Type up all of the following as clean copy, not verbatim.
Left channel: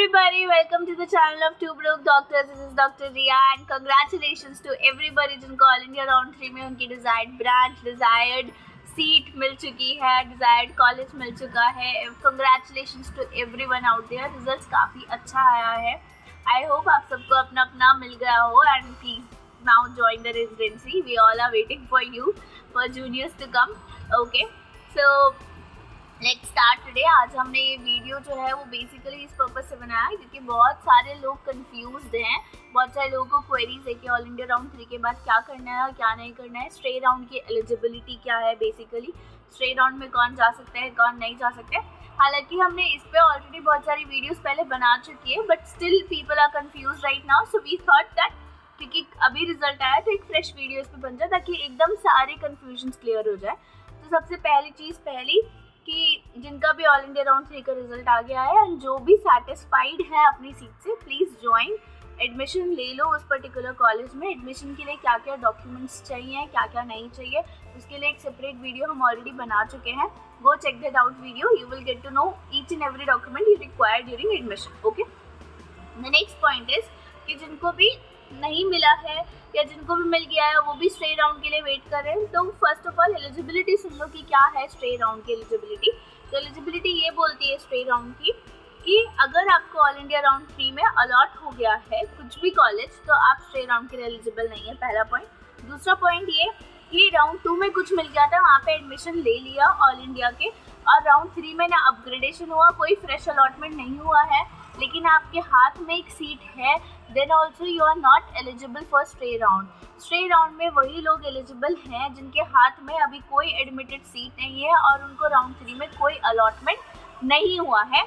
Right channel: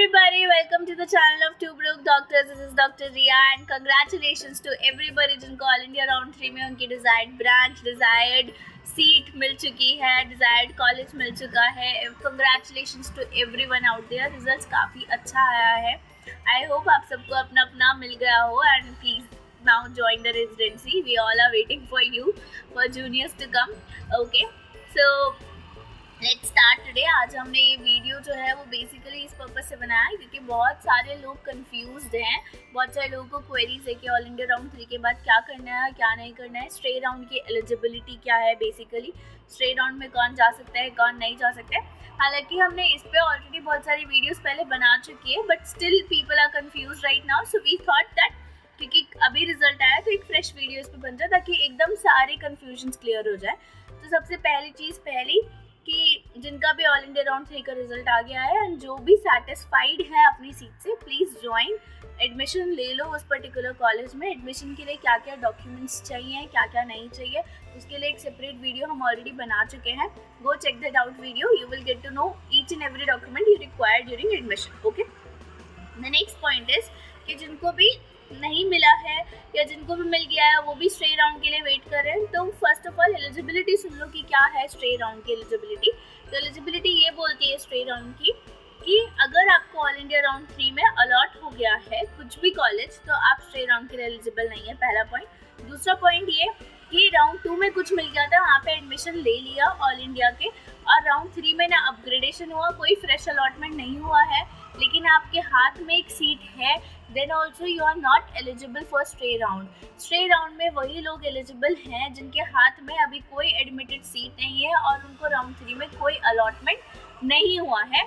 everybody, welcome to the channel of Two Broke Doctors. This is Dr. Riya and congratulations to everybody जिनको all India round 3 में उनकी desired branch, desired seat मिल चुकी है, desired college मिल चुका है. Congratulations to everyone out there. Results काफ़ी अच्छा आया है. आई होप आप सबको अपना अपना मिल गया हो and please now join the residency. We all are waiting for you, for juniors to come. Okay, so let's start today. आज हमने ये वीडियो जो है वो बेसिकली इस पर्पज़ से बनाया है क्योंकि बहुत सारे लोग कंफ्यूज्ड हैं. बहुत सारे लोगों को क्वेरीज है कि ऑल इंडिया राउंड 3 के बाद क्या करना है, क्या नहीं करना है, स्ट्रे राउंड की एलिजिबिलिटी क्या है, बेसिकली स्ट्रे राउंड में कौन जा सकता है, कौन नहीं जा सकता है. हालांकि हमने इस पर ऑलरेडी बहुत सारी वीडियोस पहले बना चुकी है, but still people are confuse right now. So we thought that क्योंकि अभी रिजल्ट आया तो एक फ्रेश वीडियो इस पर बन जाए ताकि एकदम सारे कन्फ्यूजन्स क्लियर हो जाए. तो सबसे पहली चीज़ कि जिनका भी ऑल इंडिया राउंड 3 का रिजल्ट आ गया है एंड जो भी सेटिस्फाइड है अपनी सीट से, प्लीज़ ज्वाइन. एडमिशन ले लो उस पर्टिकुलर कॉलेज में. एडमिशन के लिए क्या क्या डॉक्यूमेंट्स चाहिए, क्या क्या नहीं चाहिए, उसके लिए एक सेपरेट वीडियो हम ऑलरेडी बना चुके हैं. Go check that out video. You will get to know each and every document you require during admission. Okay, the next point is कि जिनको भी नहीं मिला है या जिनको भी मिल गया है वो भी स्ट्रे राउंड के लिए वेट कर रहे हैं. तो फर्स्ट ऑफ ऑल एलिजिबिलिटी सुन लो कि क्या है स्ट्रे राउंड की एलिजिबिलिटी. तो एलिजिबिलिटी ये बोलती है स्ट्रे राउंड की कि अगर आपको ऑल इंडिया राउंड 3 में अलॉट हो गया है कुछ भी कॉलेज तो आप स्ट्रे राउंड के लिए एलिजिबल नहीं है. पहला पॉइंट. दूसरा पॉइंट ये कि राउंड 2 में कुछ मिल गया था, वहाँ पे एडमिशन ले लिया ऑल इंडिया के, और राउंड 3 में ना अपग्रेडेशन हुआ, कोई फ्रेश अलॉटमेंट नहीं हुआ है, लेकिन आपके हाथ में एक सीट है, then also you are not eligible for stray round. Stray round में वही लोग एलिजिबल हैं जिनके हाथ में अभी कोई एडमिटेड सीट नहीं है और उनको राउंड 3 में कोई अलॉटमेंट नहीं हुआ है,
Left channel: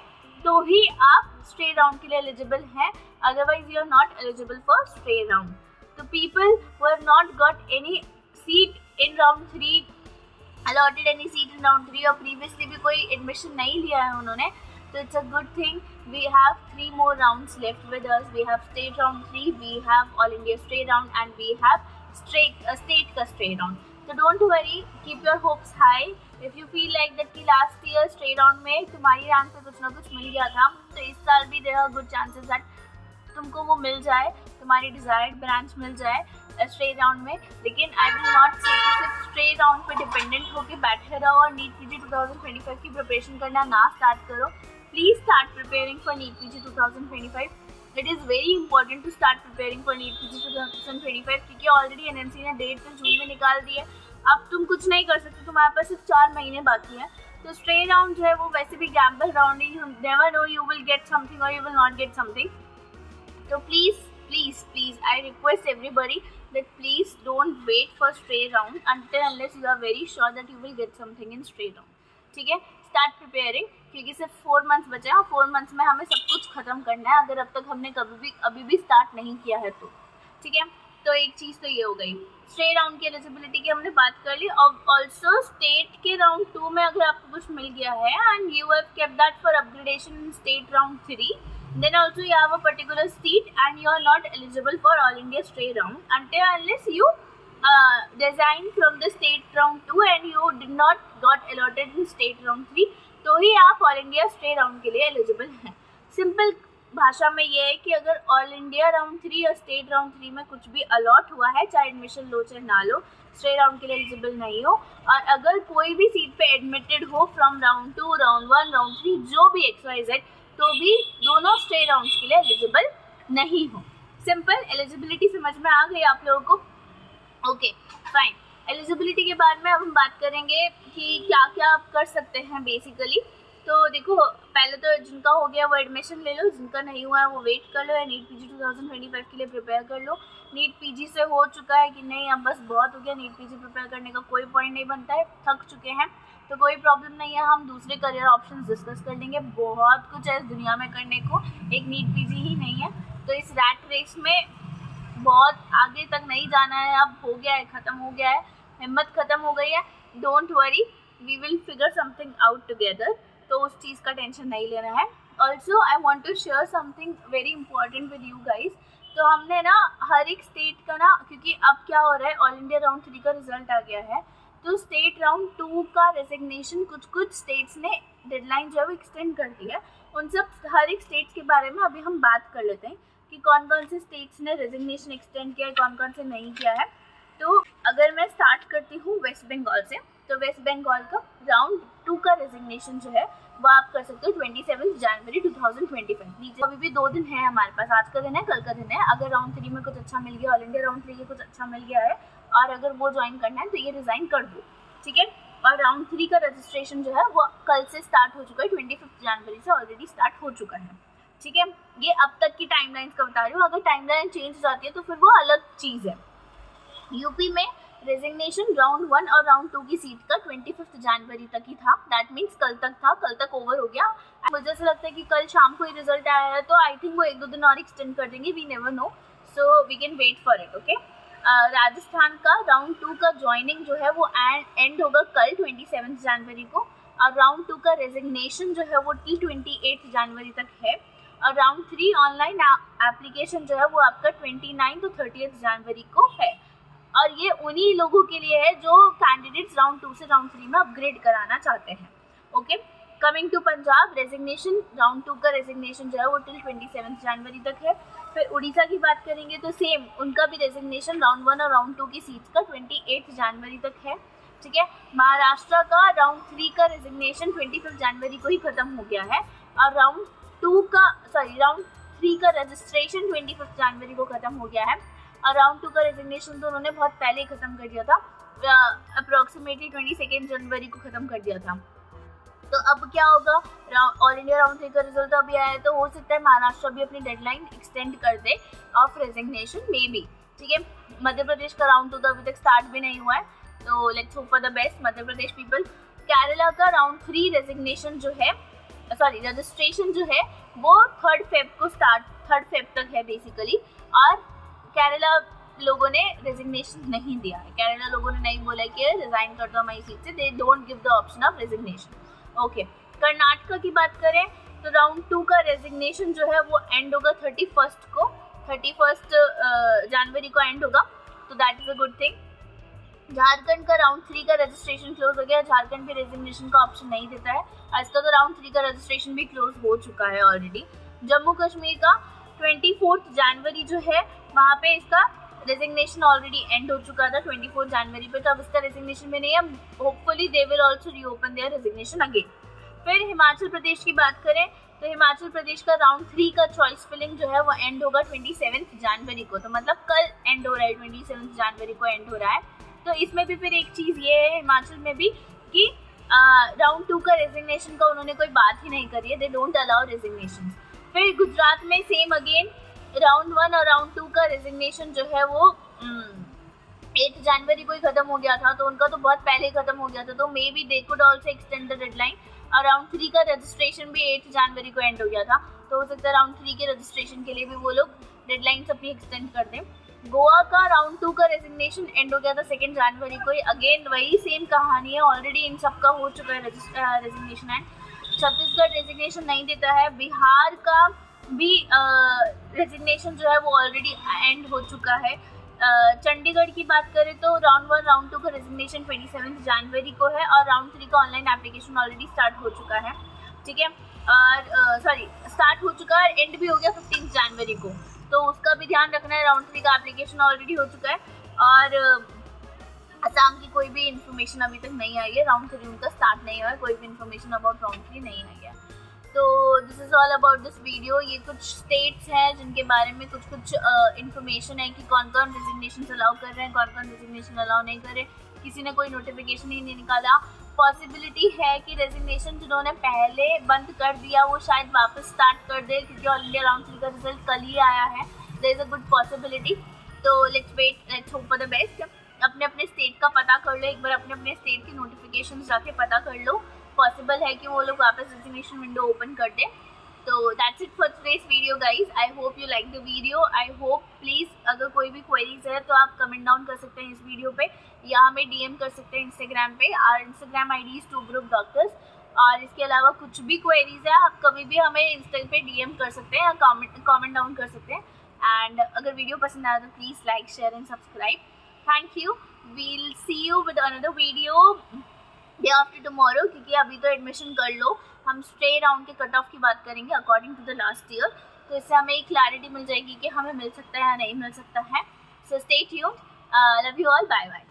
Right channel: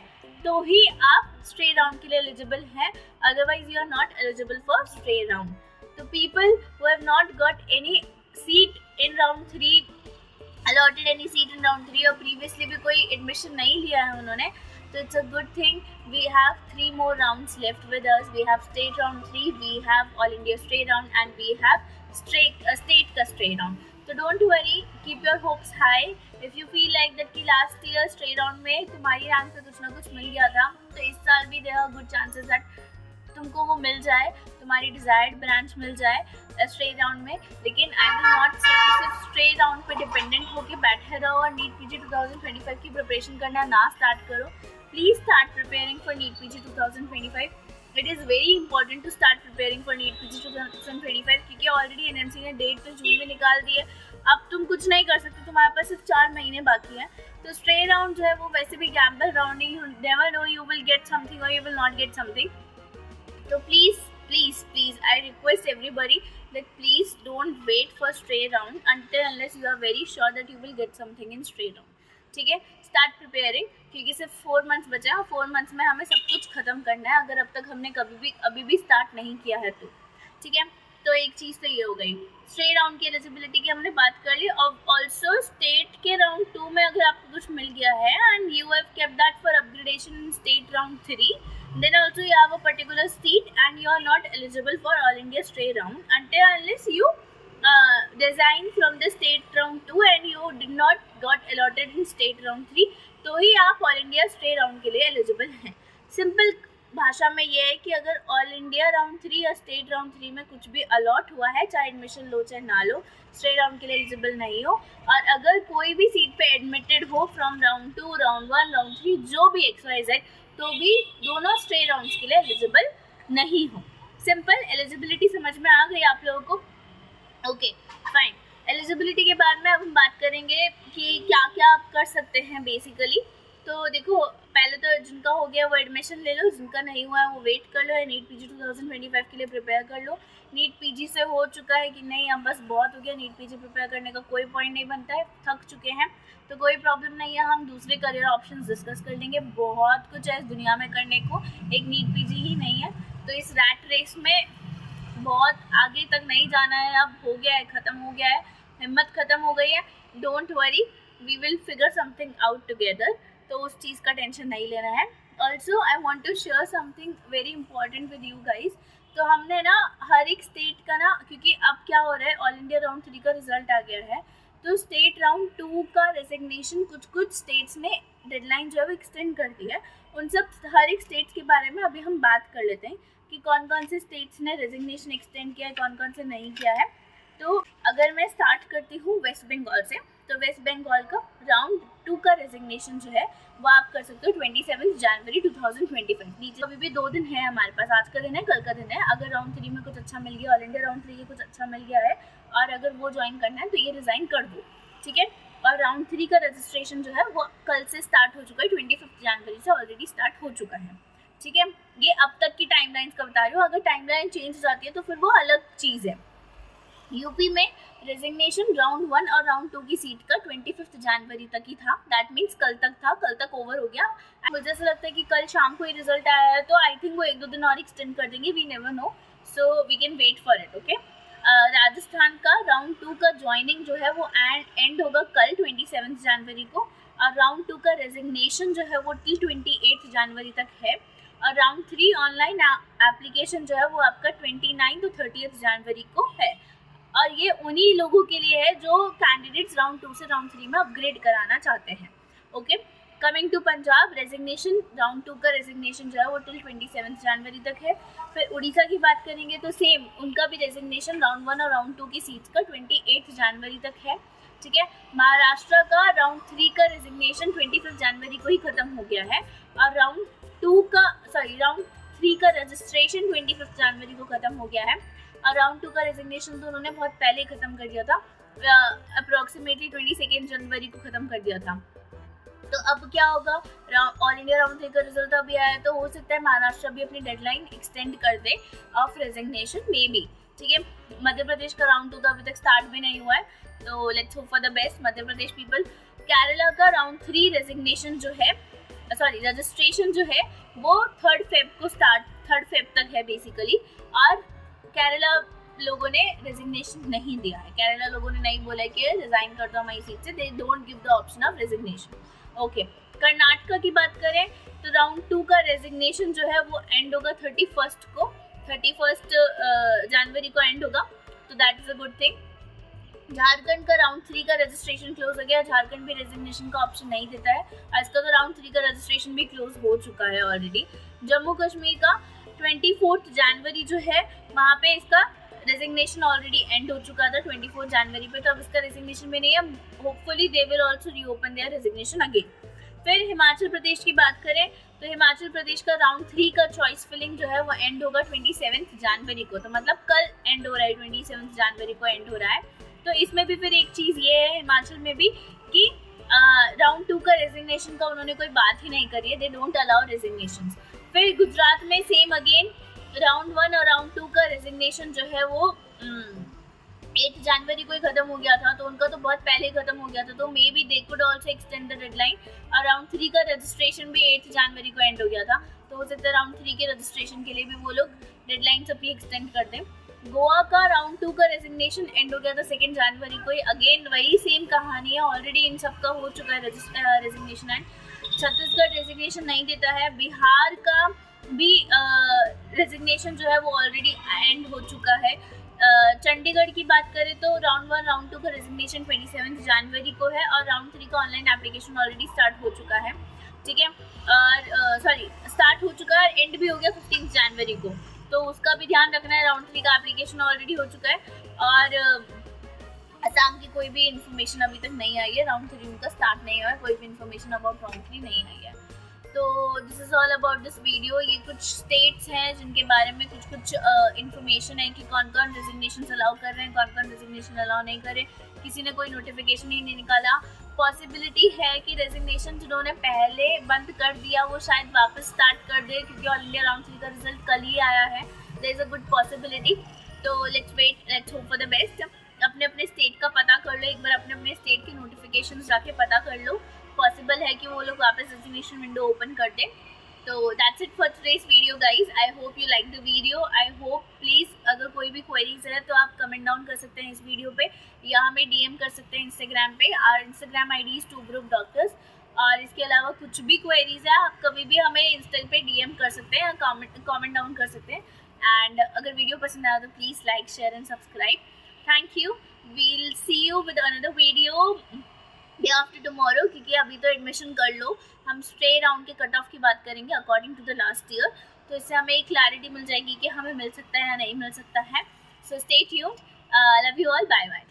तो ही आप स्ट्रे राउंड के लिए एलिजिबल हैं. Otherwise you are not eligible for stray round. तो people who have not got any seat in round 3, allotted any seat in round 3, और प्रीवियसली भी कोई एडमिशन नहीं लिया है उन्होंने, so it's a good thing. We have 3 more rounds left with us. We have state round 3, we have all India state round, and we have state का state round. So don't worry, keep your hopes high. If you feel like that कि last year state round में तुम्हारी rank पे कुछ ना कुछ मिल गया था, तो इस साल भी there are good chances that तुमको वो मिल जाए, तुम्हारी डिजायर्ड ब्रांच मिल जाए स्ट्रे राउंड में. लेकिन आई विल नॉट से कि सिर्फ स्ट्रे राउंड पे डिपेंडेंट होकर बैठे रहो और नीट पीजी 2025 की प्रिपरेशन करना ना स्टार्ट करो. Please start preparing for NEET PG 2025. It is very important to start preparing for NEET PG 2025 क्योंकि ऑलरेडी एनएमसी ने डेट तो जून में निकाल दी है. अब तुम कुछ नहीं कर सकते, तुम्हारे पास सिर्फ 4 महीने बाकी हैं. तो स्ट्रे राउंड जो है वो वैसे भी गैम्बल राउंड है. You never know you will get something और you will not get something. So please, I request everybody that please don't wait for stray round unless you are very sure that you will get something in stray round. ठीक है, start preparing क्योंकि सिर्फ 4 months बचे हैं और 4 months में हमें सब कुछ ख़त्म करना है अगर अब तक हमने अभी भी स्टार्ट नहीं किया है तो. ठीक है, तो एक चीज़ तो ये हो गई. स्ट्रे राउंड की एलिजिबिलिटी की हमने बात कर ली. और ऑल्सो स्टेट के राउंड 2 में अगर आपको कुछ मिल गया है and you have kept that for upgradation in state round 3, then also you have a particular seat and you are not eligible for all India stray round unless you resign from the state round 2 and you did not got allotted in state round 3, तो ही आप all India stray round के लिए eligible हैं. Simple भाषा में ये है कि अगर ऑल इंडिया राउंड 3 या स्टेट राउंड 3 में कुछ भी अलॉट हुआ है, चाहे एडमिशन लो चाहे ना लो, स्ट्रे राउंड के लिए एलिजिबल नहीं हो. और अगर कोई भी सीट पे एडमिटेड हो फ्रॉम राउंड 2, राउंड 1, राउंड 3, जो भी XYZ, तो भी दोनों स्ट्रे राउंड्स के लिए एलिजिबल नहीं हो. सिंपल एलिजिबिलिटी समझ में आ गई आप लोगों को? Okay fine. एलिजिबिलिटी के बाद में अब हम बात करेंगे कि क्या क्या आप कर सकते हैं बेसिकली. तो देखो, पहले तो जिनका हो गया वो एडमिशन ले लो, जिनका नहीं हुआ है वो वेट कर लो या नीट पीजी 2025 के लिए प्रिपेयर कर लो. नीट पीजी से हो चुका है कि नहीं, अब बस बहुत हो गया, नीट पीजी प्रिपेयर करने का कोई पॉइंट नहीं बनता है, थक चुके हैं, तो कोई प्रॉब्लम नहीं है. हम दूसरे करियर ऑप्शंस डिस्कस कर लेंगे. बहुत कुछ है इस दुनिया में करने को, एक नीट पीजी ही नहीं है. तो इस रैट रेस में बहुत आगे तक नहीं जाना है. अब हो गया है, ख़त्म हो गया है, हिम्मत ख़त्म हो गई है. Don't worry, we will figure something out together. तो उस चीज़ का टेंशन नहीं लेना है. Also I want to share something very important with you guys. तो हमने ना हर एक स्टेट का ना, क्योंकि अब क्या हो रहा है, ऑल इंडिया राउंड 3 का रिजल्ट आ गया है, तो स्टेट राउंड 2 का रेजिग्नेशन कुछ स्टेट्स ने डेडलाइन जो है वो एक्सटेंड कर दी है. उन सब हर एक स्टेट्स के बारे में अभी हम बात कर लेते हैं कि कौन कौन से स्टेट्स ने रेजिग्नेशन एक्सटेंड किया है, कौन कौन से नहीं किया है। तो अगर मैं स्टार्ट करती हूँ वेस्ट बंगाल से, तो वेस्ट बंगाल का राउंड 2 का रेजिग्नेशन जो है वो आप कर सकते हो 27 जनवरी 2025। नीचे अभी भी 2 दिन है हमारे पास, आज का दिन है, कल का दिन है। अगर राउंड 3 में कुछ अच्छा मिल गया, ऑल इंडिया राउंड 3 के कुछ अच्छा मिल गया है और अगर वो ज्वाइन करना है तो ये रिज़ाइन कर दो, ठीक है। और राउंड 3 का रजिस्ट्रेशन जो है वो कल से स्टार्ट हो चुका है, 25 जनवरी से ऑलरेडी स्टार्ट हो चुका है, ठीक है। ये अब तक की टाइमलाइंस का बता रही हूँ, अगर टाइमलाइन चेंज हो जाती है तो फिर वो अलग चीज़ है। यूपी में रेजिग्नेशन राउंड 1 और राउंड 2 की सीट का 25 जनवरी तक ही था, दैट मीन्स कल तक था, कल तक ओवर हो गया। मुझे ऐसा लगता है कि कल शाम को ही रिजल्ट आया है, तो आई थिंक वो 1-2 दिन और एक्सटेंड कर देंगे, we never know, so we can wait for it, okay. Rajasthan का राउंड 2 का ज्वाइनिंग जो है वो एंड होगा कल 27 जनवरी को, और राउंड 2 का रेजिग्नेशन जो है वो टिल 28 जनवरी तक है, और राउंड 3 ऑनलाइन एप्लीकेशन जो है वो आपका 29 to 30 जनवरी को है। और ये उन्हीं लोगों के लिए है जो कैंडिडेट्स राउंड 2 से राउंड 3 में अपग्रेड कराना चाहते हैं, okay. Coming to Punjab, resignation round 2 का रेजिग्नेशन जो है वो टिल 27 जनवरी तक है। फिर उड़ीसा की बात करेंगे तो सेम, उनका भी रेजिग्नेशन राउंड 1 और राउंड 2 की सीट्स का 28 जनवरी तक है, ठीक है। महाराष्ट्र का राउंड 3 का रेजिग्नेशन 25 जनवरी को ही ख़त्म हो गया है, और राउंड 3 का रजिस्ट्रेशन 25 जनवरी को ख़त्म हो गया है, और राउंड 2 का रेजिग्नेशन तो उन्होंने बहुत पहले ही ख़त्म कर दिया था, अप्रॉक्सीमेटली 22 जनवरी को ख़त्म कर दिया था। तो अब क्या होगा, ऑल इंडिया राउंड 3 का रिजल्ट अभी आया है, तो हो सकता है महाराष्ट्र भी अपनी डेडलाइन एक्सटेंड कर दे ऑफ रेजिग्नेशन मे बी, ठीक है। मध्य प्रदेश का राउंड 2 तो अभी तक स्टार्ट भी नहीं हुआ है, तो let's hope for the best Madhya Pradesh people. Kerala का राउंड 3 रेजिग्नेशन जो है, रजिस्ट्रेशन जो है वो 3 फेब तक है बेसिकली, और केरला लोगों ने रेजिग्नेशन नहीं दिया है, केरला लोगों ने नहीं बोला कि रिजाइन कर दो हमारी सीट से, they don't give the option of resignation, okay. Karnataka की बात करें तो राउंड 2 का रेजिग्नेशन जो है वो एंड होगा 31 जनवरी को एंड होगा, तो that is a good thing. Jharkhand का राउंड 3 का रजिस्ट्रेशन क्लोज हो गया, झारखंड भी रेजिग्नेशन का ऑप्शन नहीं देता है, इसका तो राउंड 3 का रजिस्ट्रेशन भी क्लोज हो चुका है ऑलरेडी। जम्मू कश्मीर का 24 जनवरी जो है वहाँ पे इसका रेजिग्नेशन ऑलरेडी एंड हो चुका था 24 जनवरी पे, तो अब इसका रेजिग्नेशन में नहीं है, hopefully they will also reopen their resignation again. फिर हिमाचल प्रदेश की बात करें तो हिमाचल प्रदेश का राउंड 3 का चॉइस फिलिंग जो है वो एंड होगा 27 जनवरी को, तो मतलब कल एंड हो रहा है, 27 जनवरी को एंड हो रहा है। तो इसमें भी फिर एक चीज़ ये है हिमाचल में भी कि राउंड 2 का रेजिग्नेशन का उन्होंने कोई बात ही नहीं करी है, दे डोंट अलाउ रेजिग्नेशन। फिर गुजरात में सेम अगेन राउंड 1 और राउंड 2 का रेजिग्नेशन जो है वो 8 जनवरी को ही खत्म हो गया था, तो उनका तो बहुत पहले ही खत्म हो गया था, तो may be they could also extend the deadline. और राउंड 3 का रजिस्ट्रेशन भी 8 जनवरी को एंड हो गया था, तो हो सकता है राउंड 3 के रजिस्ट्रेशन के लिए भी वो लोग डेडलाइंस अपनी एक्सटेंड कर दें। गोवा का राउंड 2 का रेजिग्नेशन एंड हो गया था 2 जनवरी को ही, अगेन वही सेम कहानी है, ऑलरेडी इन सब का हो चुका है रेजिग्नेशन एंड। छत्तीसगढ़ रेजिग्नेशन नहीं देता है, बिहार का भी रेजिग्नेशन जो है वो ऑलरेडी एंड हो चुका है। चंडीगढ़ की बात करें तो राउंड 1 राउंड 2 का रेजिग्नेशन 27 जनवरी को है, और राउंड 3 का ऑनलाइन एप्लीकेशन ऑलरेडी स्टार्ट हो चुका है, ठीक है। और स्टार्ट हो चुका है, एंड भी हो गया 15 जनवरी को, तो उसका भी ध्यान रखना है। राउंड 3 का एप्लीकेशन ऑलरेडी हो चुका है, और असम की कोई भी इन्फॉर्मेशन अभी तक नहीं आई है, राउंड 3 उनका स्टार्ट नहीं हुआ है, कोई भी इन्फॉर्मेशन अबाउट राउंड 3 नहीं आई है। तो this is all about this video. ये कुछ स्टेट्स हैं जिनके बारे में कुछ इन्फॉर्मेशन है कि कौन कौन रेजिग्नेशन अलाउ कर रहे हैं, कौन कौन रेजिग्नेशन अलाउ नहीं कर रहे, किसी ने कोई नोटिफिकेशन ही नहीं निकाला। पॉसिबिलिटी है कि रेजिग्नेशन जिन्होंने पहले बंद कर दिया वो शायद वापस स्टार्ट कर दे, क्योंकि ऑल इंडिया राउंड 3 का रिजल्ट कल ही आया है, there is a good possibility. तो let's wait, let's hope for the best. अपने अपने स्टेट का पता कर लो एक बार, अपने अपने स्टेट की नोटिफिकेशन जाके पता कर लो, पॉसिबल है कि वो लोग वापस रेजिग्नेशन विंडो ओपन कर दें। तो that's it for today's video guys, I hope you like the video, I hope please अगर कोई भी क्वेरीज है तो आप कमेंट डाउन कर सकते हैं इस वीडियो पे, या हमें DM कर सकते हैं इंस्टाग्राम पे, और Instagram ID is 2 Group Doctors। और इसके अलावा कुछ भी क्वेरीज है आप कभी भी हमें इंस्टा पे DM कर सकते हैं, या कॉमेंट डाउन कर सकते हैं। एंड अगर वीडियो पसंद आया तो please like, share and subscribe. Thank you, we'll see you with another video. Day after tomorrow, क्योंकि अभी तो एडमिशन कर लो, हम स्टे राउंड के कट ऑफ की बात करेंगे according to the last year, तो इससे हमें एक क्लैरिटी मिल जाएगी कि हमें मिल सकता है या नहीं मिल सकता है. So stay tuned, love you all, bye bye.